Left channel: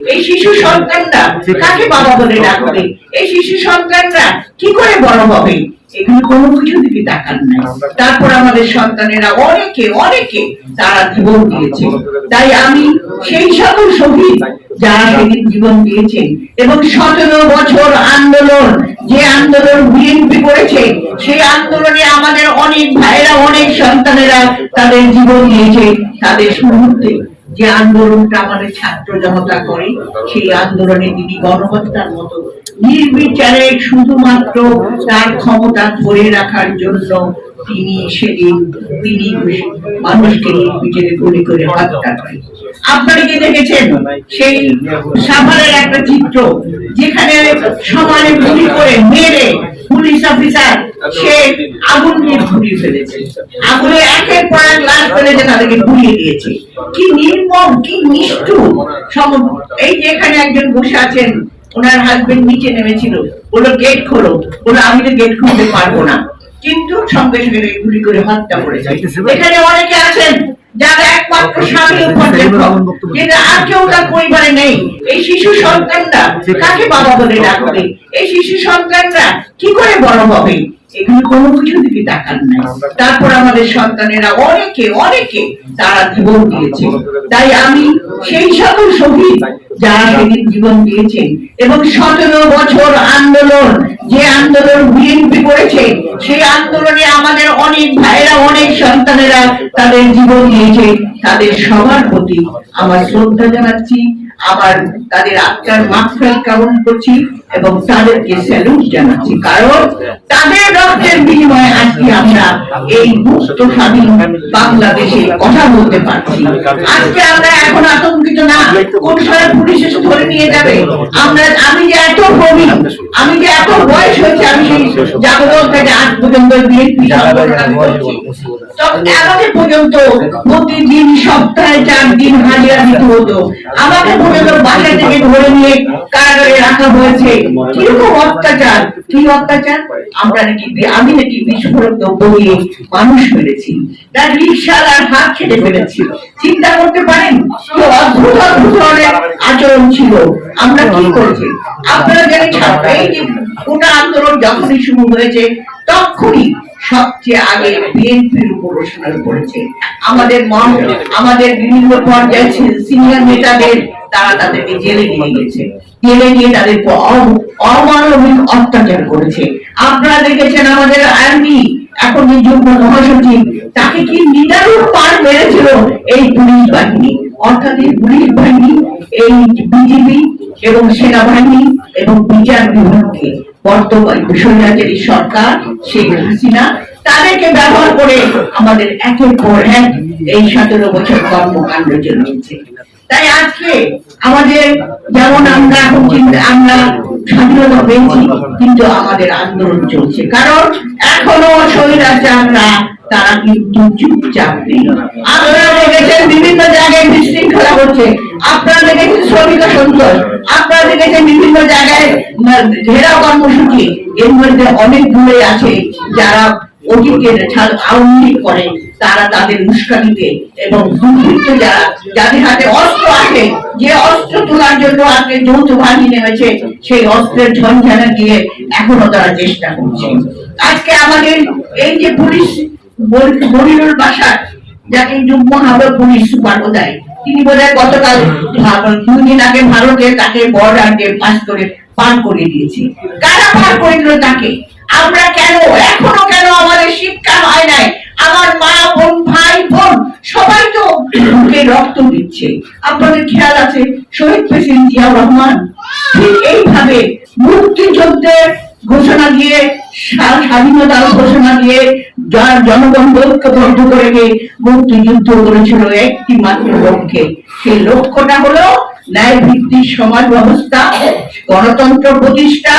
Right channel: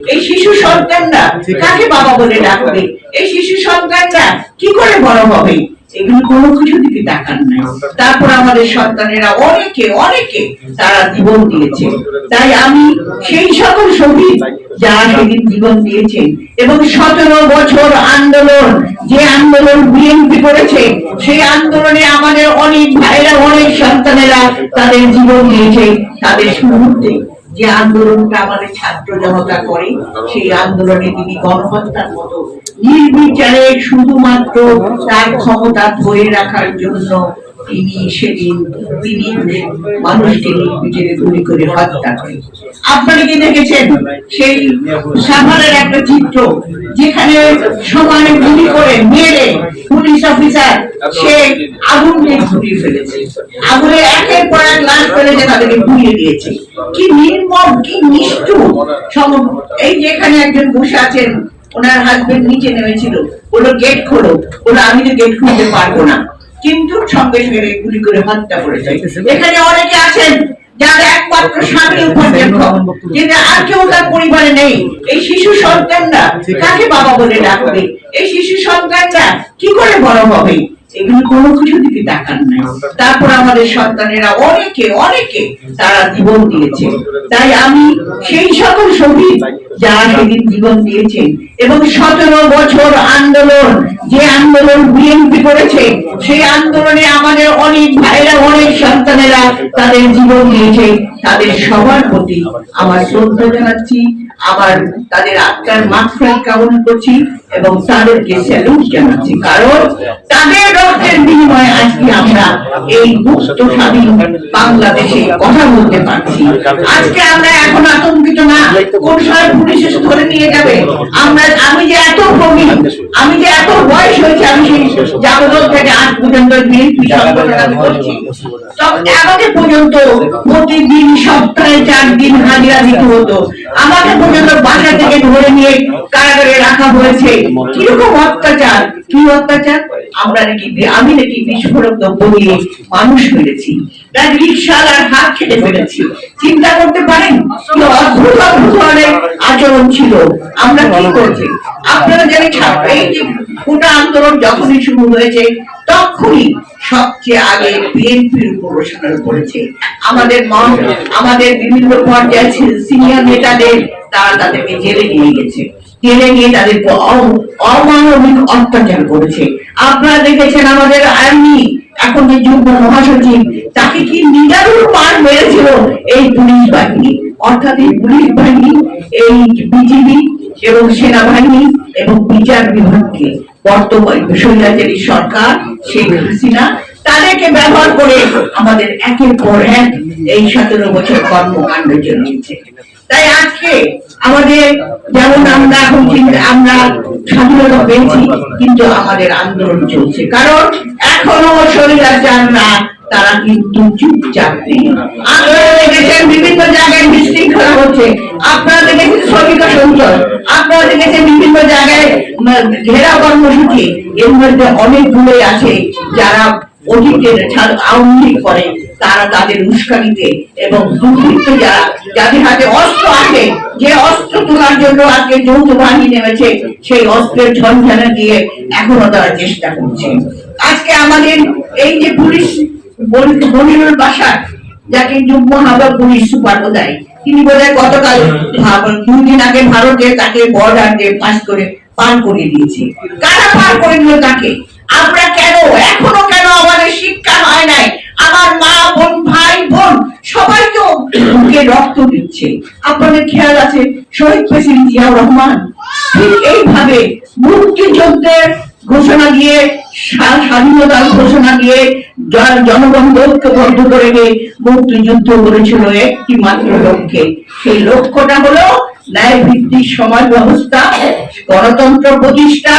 এই শিশু সন্তানরা কাকে বাবা বলে ডাকবে? এই শিশু সন্তানরা কি করে বড় হবে? এগুলো কোনো কিছু দিকে তাকান নাই। তারপর আমাদের সন্তানেরা অনেকে অনেকে তারা জীবন দিয়েছে। তাই আমি সেই সকল শহীদ যারা সেদিন জীবন দিয়েছে এবং সতেরো বছর আন্দোলন যে আন্দোলন বিএনপি করেছে সেই আন্দোলনে আমাদের অনেক ভাইরা অনেক সন্তানেরা তাদের জীবন দিয়েছে। তাদের মুহূর্তে যে আন্দোলনটা আমাদের ছাত্র জনতা করে, সেই আন্দোলনে তিনি গণহত্যার মতো নির্বিচারে শুধুমাত্র তার ক্ষমতা ধরে রাখার জন্য তিনি সেদিন তিনি মানুষকে নির্বিচারে গুলি করে হত্যা করে আপনারা কি দেখেছেন? সেই সাভারের একটা চিত্র যেখানে সমানে গুলি করে, মেরে পুলিশ অফিসার সে আগুন দিয়ে ঘুরিয়ে ফেলেছে। আগুনে একের পর এক লাশ ফেলেছে তাদেরকে ঘুরিয়ে দিয়েছে। কি নির্মম কি নিষ্ঠুর। এই যে এখানে একজন বসে আছেন ওনার হাজবেন্ড নিচে নেমেছিল। বলল গেট খোলো। বলল আমি তো গেট খুলতে পারব না। কিন্তু সঙ্গে সঙ্গে গুলি করে হত্যা করেছে। এখানে অনেকে আছেন। যার একমাত্র স্বামী উপার্জন যেটা আর কেউ তার পরিবারে নেই। এই শিশু সন্তানরা কাকে বাবা বলে ডাকবে? এই শিশু সন্তানরা কি করে বড় হবে? এগুলো কোনো কিছু দিকে তাকান নাই। তারপর আমাদের সন্তানেরা অনেকে অনেকে তারা জীবন দিয়েছে। তাই আমি সেই সকল শহীদ যারা সেদিন জীবন এবং সতেরো বছর আন্দোলন যে আন্দোলন বিএনপি করেছে সেই আন্দোলনে আমাদের অনেক ভাইরা অনেক সন্তানেরা তাদের জীবন দিয়েছে। তাদের সবার প্রতি আমার শ্রদ্ধা জানাচ্ছি। আবার তাদের আত্মার মাফরাত কামনা করছি এবং তাদেরকে স্যালুট জানাচ্ছি। কারণ তাদের রক্তের বিনিময়ে আজকে আমরা এই মুক্ত, স্বাধীন বাংলাদেশে কথা বলতে পারছি। আজকে আমরা এখন আতঙ্কিত না। কোন সময় পুলিশ এসে ধরে নিয়ে যাবে? আমরা, আমি যে এত প্রবীণ আমি যে এত বয়স হয়েছে, আমি সেই জাগরণ থেকে আজ পর্যন্ত বিএনপি সংগঠন আমি করছি। আমাকে পর্যন্ত প্রতিদিন সপ্তাহে চার দিন হাজিরা দিতে হতো। আমাকে পর্যন্ত বাসা থেকে ধরে নিয়ে কারাগারে রাখা হয়েছে। কীরকম অত্যাচার? কি অত্যাচার? আমরা নাকি আমি নাকি বিস্ফোরক দ্রব্য দিয়ে মানুষ মেরেছি। রিক্সাওয়ালার হাত কেটে ফেলেছি চিন্তা করতে পারেন অদ্ভুত অদ্ভুত আচরণ ছিল। আমরা কি করেছি? আপনারা ছাত্র এই যে আন্দোলন যখনই শুরু হয়েছে, তখনই সবচেয়ে আগে বিএনপির উপর রোশনাল করেছে আমাদের মন, আমাদের বিভিন্ন পর্যায়ে সিনিয়র নেতাদের, তারা তাদেরকে জেলে নিয়ে গেছে। জেলে নিয়ে তাদেরকে অমানবিক অত্যাচার করেছে। আপনারা দেখেছেন আমাদের আর্মি, এখন যে যুগ্ম মহাসচিব, তাকে কি নিদারুণ পার মেরেছিল এই পুলিশ বাহিনী? অর্থাৎ এই পুলিশ বাহিনী, এই বিজিবি এবং সেনাবাহিনী এবং বিচার বিভাগকে বর্তমান স্বৈরাচারী সরকার, শেখ হাসিনা, তাদেরকে ব্যবহার করে আমাদের একের পর এক এই সতেরো বছর কর্মকাণ্ড চালিয়েছে তাই আজকে আমাদের যেমন আমরা এখন আমরা স্বাধীনতা পেয়েছি, কিন্তু আমাদের আন্দোলন চলছে। কারণ এখনও স্বৈরাচাররা তারা কিন্তু চুপচাপ নেই। আপনারা দেখেছেন বিভিন্ন জায়গায় বিশৃঙ্খলা হচ্ছে। আপনারা দেখেছেন শ্রমিক সঞ্চয়। আপনারা দেখেছেন বিভিন্ন জায়গায় ঘেরাও কর্মসূচি। এর মধ্যে অনেকগুলো আছে যারা অতীতের করে, তারা তাদের এবং দুর্বৃত্ত যারা, যাদের হাতে অস্ত্র আছে, যে অস্ত্র তোলার জন্য আজকে যৌথ বাহিনী নেমেছে, সেই অস্ত্রের ঝঞ্ঝানা দিয়ে এখনও তারা চেষ্টা করছে। আজকে আমাদের এই যে পুলিশ বন- মনিরুল বাসার যাকে যুগ্ম হাওড়া পুলিশ সুপার দেয়, তিনি বোধহয় গতকাল ভাব- দুই দিন আগে ভারতে তাকে বর্ডার দিয়ে পাস করে পার করে দিয়েছে। কারা পার করে দিল তাকে? আমরা কেন, এখনও কেন হয় নাই। আমার মা বোন, ভাই বোন সবাই তো রক্ত দিচ্ছে। আপনাদের খেয়াল আছে, শহীদ প্রেসিডেন্ট জিয়াউর রহমান? এইভাবে মুক্তিযুদ্ধের ঘোষণা দিয়ে স্বা- স্বাধীনতার ঘোষণা দিয়ে যার জনগণ ঐক্যবদ্ধ করে নিয়ে মুক্তিযুদ্ধ করেছিল একটি মাত্র লক্ষ্যে। সেই লক্ষ্যটা হলো ন্যায় ভিত্তিক সমাজ ব্যবস্থা গণতন্ত্র প্রতিষ্ঠা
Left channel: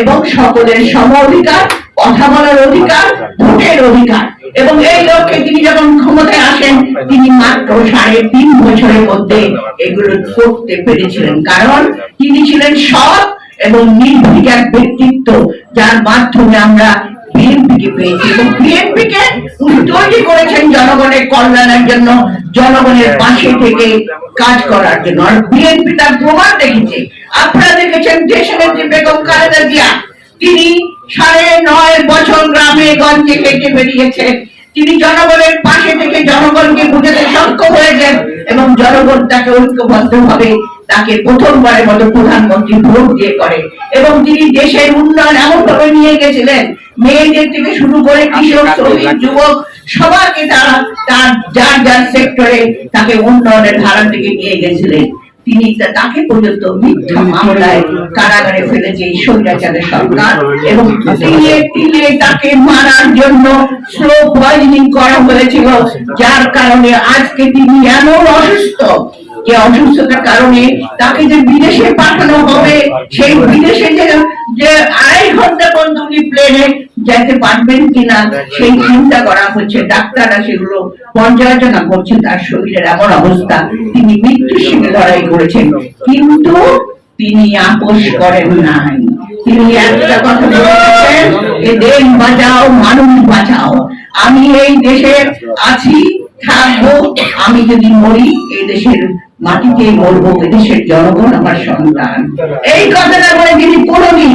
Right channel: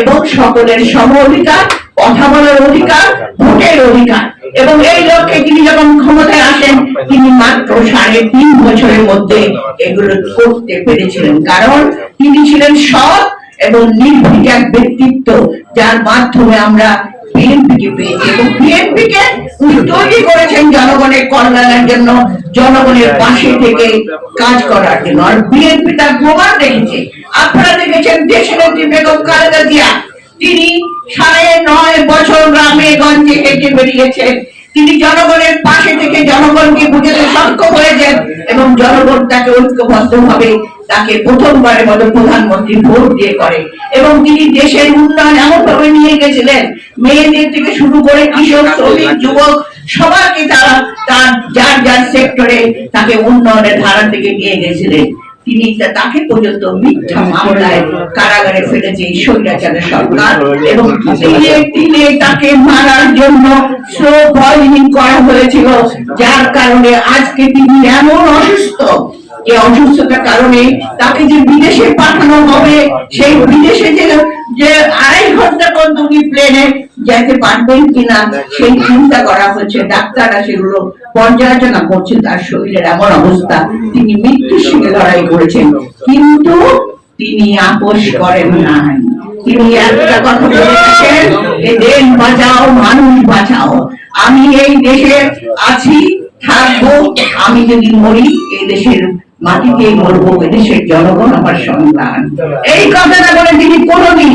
এবং সকলের সম অধিকার, কথা বলার অধিকার, ভোটের অধিকার। এবং এই লক্ষ্যে তিনি যখন ক্ষমতায় আসেন, তিনি মাত্র সাড়ে তিন বছরের মধ্যে এগুলো করতে পেরেছিলেন। কারণ তিনি ছিলেন সৎ এবং নির্ভীক এক ব্যক্তিত্ব, যার মাধ্যমে আমরা বিএনপি কে পেয়েছে এবং বিএনপিকে উনি তৈরি করেছেন জনগণের কল্যাণের জন্য, জনগণের পাশে থেকে কাজ করার জন্য। আর বিএনপি তার প্রমাণ দেখেছে। আপনারা দেখেছেন দেশনেত্রী বেগম খালেদা জিয়া, তিনি সাড়ে নয় বছর গ্রামে গঞ্জে হেঁটে বেরিয়েছেন। তিনি জনগণের পাশে থেকে জনগণকে বুঝাতে সক্ষম হয়েছেন এবং জনগণ তাকে ঐক্যবদ্ধ ভাবে তাকে প্রথমবারের মতো প্রধানমন্ত্রী ভোট দিয়ে করে। এবং তিনি দেশের উন্নয়ন এমন ভাবে নিয়ে গেছিলেন মেয়েদের থেকে শুরু করে কৃষক শ্রমিক যুবক সবাইকে তারা তার যার যার সেক্টরে তাকে উন্নয়নের ধারা থেকে নিয়ে গেছিলেন। তিনি তাকে পর্যন্ত মিথ্যা মামলায় কারাগারে ফেলেছে এই স্বৈরাচারের সরকার এবং তিলে তিলে তাকে মারার জন্য স্লো পয়জনিং করা হয়েছিল যার কারণে আজকে তিনি এমন অসুস্থ যে অসুস্থতার কারণে তাকে যে বিদেশে পাঠানো হবে সেই বিদেশে যে যে আড়াই ঘণ্টা পর্যন্ত উনি প্লেনে যাইতে পারবেন কিনা, সেই চিন্তা করা হচ্ছে। ডাক্তাররা সেগুলো পর্যালোচনা করছে তার শরীরের এমন অবস্থা। তিনি মৃত্যুর সঙ্গে লড়াই করেছেন, কিন্তু তিনি আপোষ করেন নাই। তিনি একটা কথা বলেছেন এই দেশ বাঁচাও, মানুষ বাঁচাও। আমি এই দেশে আছি, থাকব, আমি যদি মরি, এই দেশের মাটিকে মরবো এই দেশের জনগণ আমার সন্তান। এই কথাটা বলে তিনি কোনদিন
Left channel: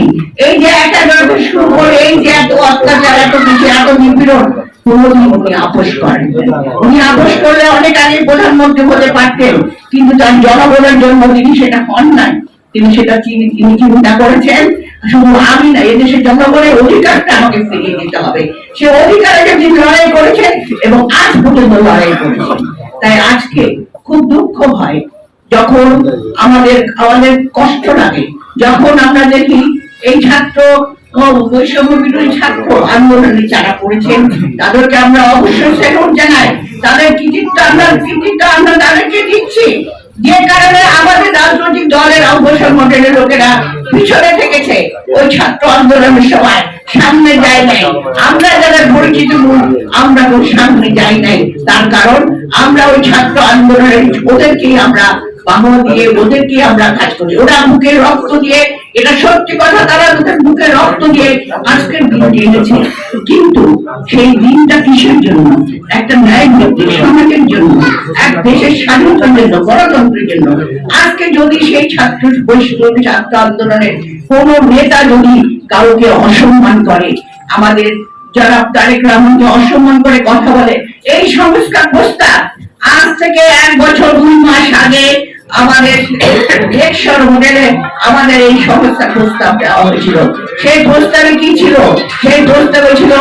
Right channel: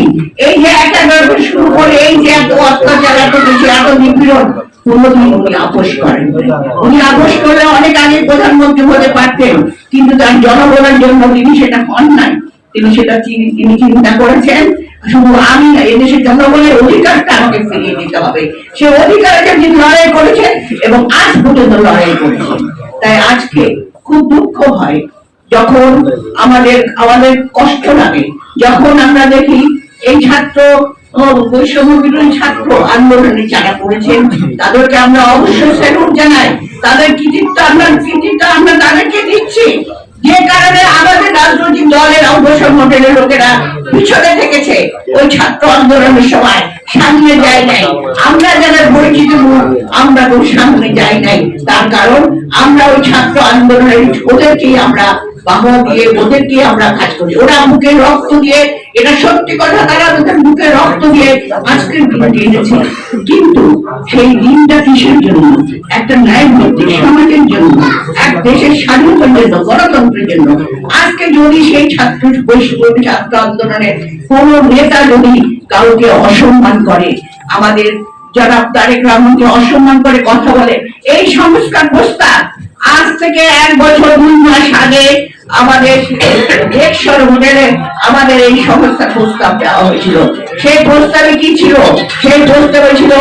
উনি আপোষ করলে অনেক আগে প্রধানমন্ত্রী হতে পারতেন, কিন্তু তার জনগণের জন্য তিনি সেটা হন নাই। তিনি সেটা তিনি চিন্তা করেছেন? শুধু আমি না, এদেশের জনগণের অধিকারটা আমাকে ফিরিয়ে হবে। সে তিনি লড়াই করেছেন এবং আজ পর্যন্ত লড়াই করেছেন। তাই আজকে খুব দুঃখ হয় যখন আমাদের আমাদের কষ্ট লাগে। যখন আমরা দেখি এই ছাত্র বৈষম্য ছাত্র আন্দোলনে যারা করেছেন, তাদেরকে আমরা অবশ্যই স্যালুট জানাই। তাদের কৃতিত্ব আমরা কৃতিত্ব আমরা তাদেরকে দিচ্ছি। যে কারণে আমাদের রাজনৈতিক দলের অবসর মডেলের লোকেরা পিছনে থেকেছে। ওই ছাত্র আন্দোলনের সময় সামনে যায় নাই। আমরা যারা পরিচিত আমরা ওই সামনে যাই নাই। তার কারণ আমরা ওই ছাত্র আন্দোলনের ওদেরকেই আমরা বাহা দিয়ে ওদেরকে আমরা কাজ করি। ওরা মুখে রক্ত দিয়ে এটা সত্যি কথা, তারা ওদের মুখে রক্ত দিয়ে আজকের দিনটি এনেছে। কিন্তু সেই দিনটা কিসের জন্য? একটা ন্যায় ভিত্তিক সমাজের জন্য, এক দেশের স্বাধীনতার জন্য, গণতন্ত্রের জন্য। আজকে যদি সেই ছাত্র বৈষ্ণব ছাত্র আন্দোলনের কোন নেতা যদি কাউকে অসম্মান করে, আমাদের যারা তারেক রহমানকে অসম্মান করে কথা বলে, এই সংস্কার প্রস্তাব আজ থেকে এক বছর, দুই মাস আগে আমাদের একশোর হোটেলে আমাদের এই সংস্থার প্রস্তাব দেওয়া হয়েছিল। সেই প্রস্তাবে কি ছিল? সেই প্রস্তাবে ছিল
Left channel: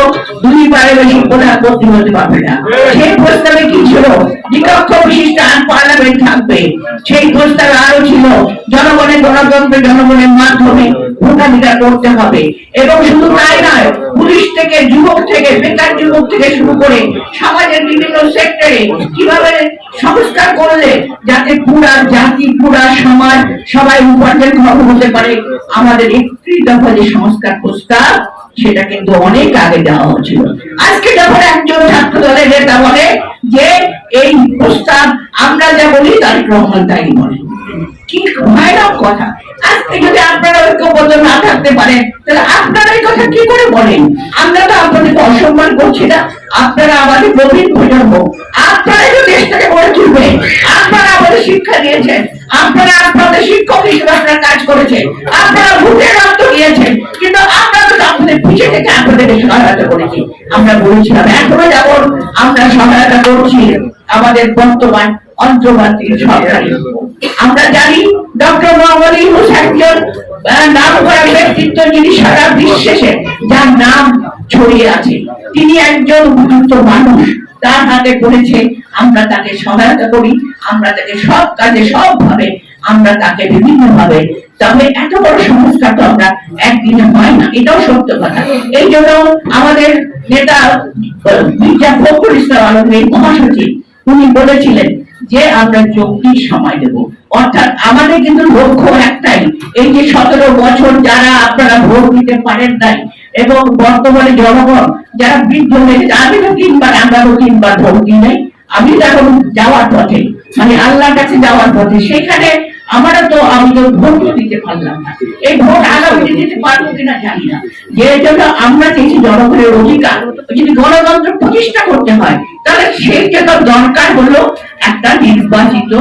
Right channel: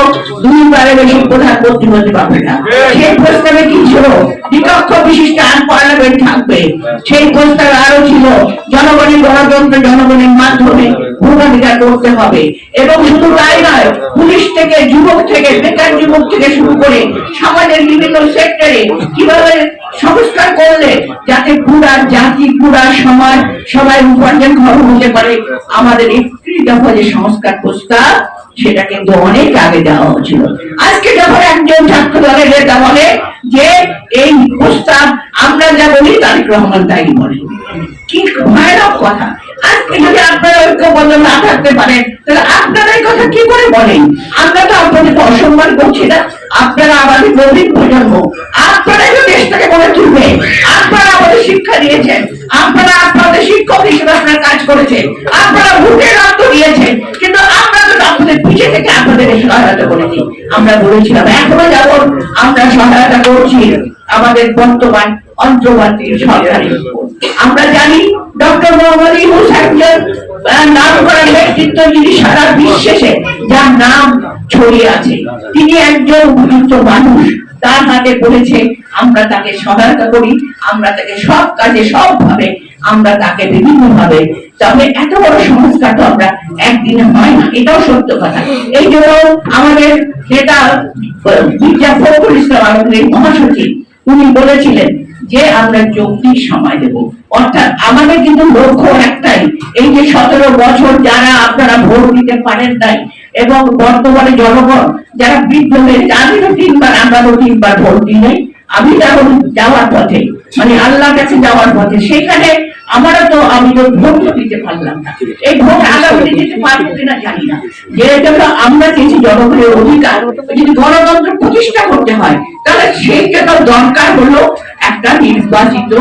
দুইবারে বেশি প্রধানমন্ত্রী হতে পারবে না। সেই প্রস্তাবে কি ছিল? বিকক্ষ বিশিষ্ট আন পার্লামেন্ট থাকবে। সেই প্রস্তাবে আরও ছিল, জনগণের গণতন্ত্র জনগণের মাধ্যমে ভোটাধিকার করতে হবে। এবং শুধু তাই নয়, পুলিশ থেকে, যুবক থেকে, বেকার যুবক থেকে শুরু করে সমাজের বিভিন্ন সেক্টরে কীভাবে সংস্কার করলে যাতে পুরা জাতি, পুরা সমাজ সবাই উপার্জন হতে পারে, আমাদের একটি দফা যে সংস্কার প্রস্তাব, সেটা কিন্তু অনেক আগে দেওয়া হয়েছিল। আজকে যখন একজন ছাত্র দলের নেতা বলে যে, এই প্রস্তাব আমরা যা বলি, তারেক রহমান তাই বলে। কথা। আপনারা কি করে বলেন? আমরা তো আপনাদেরকে অসম্মান করছি না। আপনারা আমাদের প্রজন্ম তো দেশটাকে গড়ে তুলবে আপনারা আমাদের শিক্ষা দিয়েছেন। আপনারা আপনাদের শিক্ষক হিসেবে আপনারা কাজ করেছেন। আপনারা রক্ত দিয়েছেন। কিন্তু আমরা তো আপনাদের পিছিয়ে থেকে আপনাদের সহায়তা করেছি। আমরা বলেছিলাম, এখনও যেমন আমরা সহায়তা করছি আমাদের বর্তমান অন্তর্বর্তী সরকারি আমরা জানি ডক্টর মোহাম্মদ ইউনুস একজন নাম করা ব্যক্তিত্ব, যিনি সারা বিশ্বে যার নাম ছড়িয়ে আছে। তিনি একজন উপযুক্ত মানুষ। তার হাতে পড়েছে আমরা তাকে সহায়তা করি, আমরা তাকে সব কাজে সব ভাবে আমরা তাকে বিভিন্ন ভাবে তবে এত বড় সংস্কার তো আমরা একদিনে হয় না, এটাও সত্য কথা। এই জন্য আমাদের নেতা মির্জা ফখরুল ইসলাম আলমগীর, মহাসচিব, উনি বলেছিলেন যে আমরা চব্বিশ সময় দেব। অর্থাৎ আমাদের কিন্তু লক্ষ্য একটাই, এই যে সতেরো বছর যারা আপনারা ভোট দিতে পারেন নাই, এবং বর্তমানে জনগণ যারা বৃদ্ধ হয়েছে, আমি তো তিনবার, আমরা তো তিনবার ভোট দিই নাই। আমি যেমন যাওয়ার পথে মানে আল্লাহর কাছে যাওয়ার পথে। সেখানে আমরা তো আমি তো ভোট দিতে পারলাম না। এই ভোট আগামী দিতে পারব কিনা জানি না। যে জন্য আমরা চেয়েছি জনগণের অধিকার। যদি গণতন্ত্র প্রতিষ্ঠা করতে হয়, তাহলে সেই জন্য দরকার হলো একটা নির্বাচিত,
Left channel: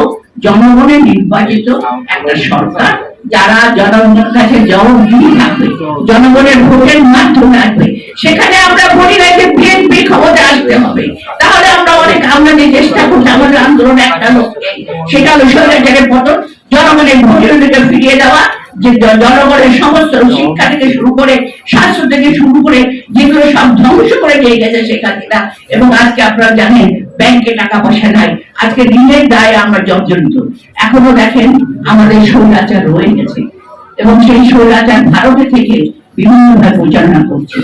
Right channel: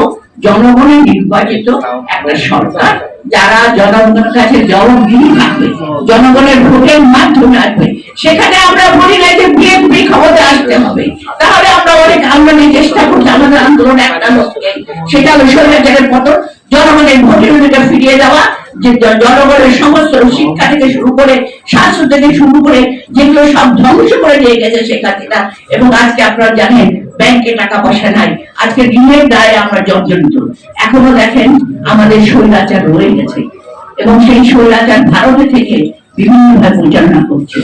জনগণের নির্বাচিত একটা সরকার। যারা জনগণের কাছে জবাবদিহি থাকবে, জনগণের ভোটের মাধ্যমে আসবে। সেখানে আমরা বলি না যে বিএনপি ক্ষমতা আসতে হবে। তাহলে আমরা অনেক আমরা যে চেষ্টা করছি, আমাদের আন্দোলন একটা লক্ষ্যে সেটা হলো স্বৈরাচারের পতন। জনগণের ভোটের ফিরিয়ে দেওয়া, যে জনগণের সমস্ত শিক্ষা থেকে শুরু করে স্বাস্থ্য থেকে শুরু করে, যেগুলো সব ধ্বংস করে নিয়ে গেছে শেখ হাসিনা, এবং আজকে আপনারা জানেন, ব্যাংকে টাকা পয়সা নাই। আজকে ঋণের দায়ে আমরা জর্জরিত। এখনও দেখেন, আমাদের স্বৈরাচার রয়ে গেছে। এবং সেই স্বৈরাচার ভারতে থেকে বিভিন্নভাবে পরিচালনা করছে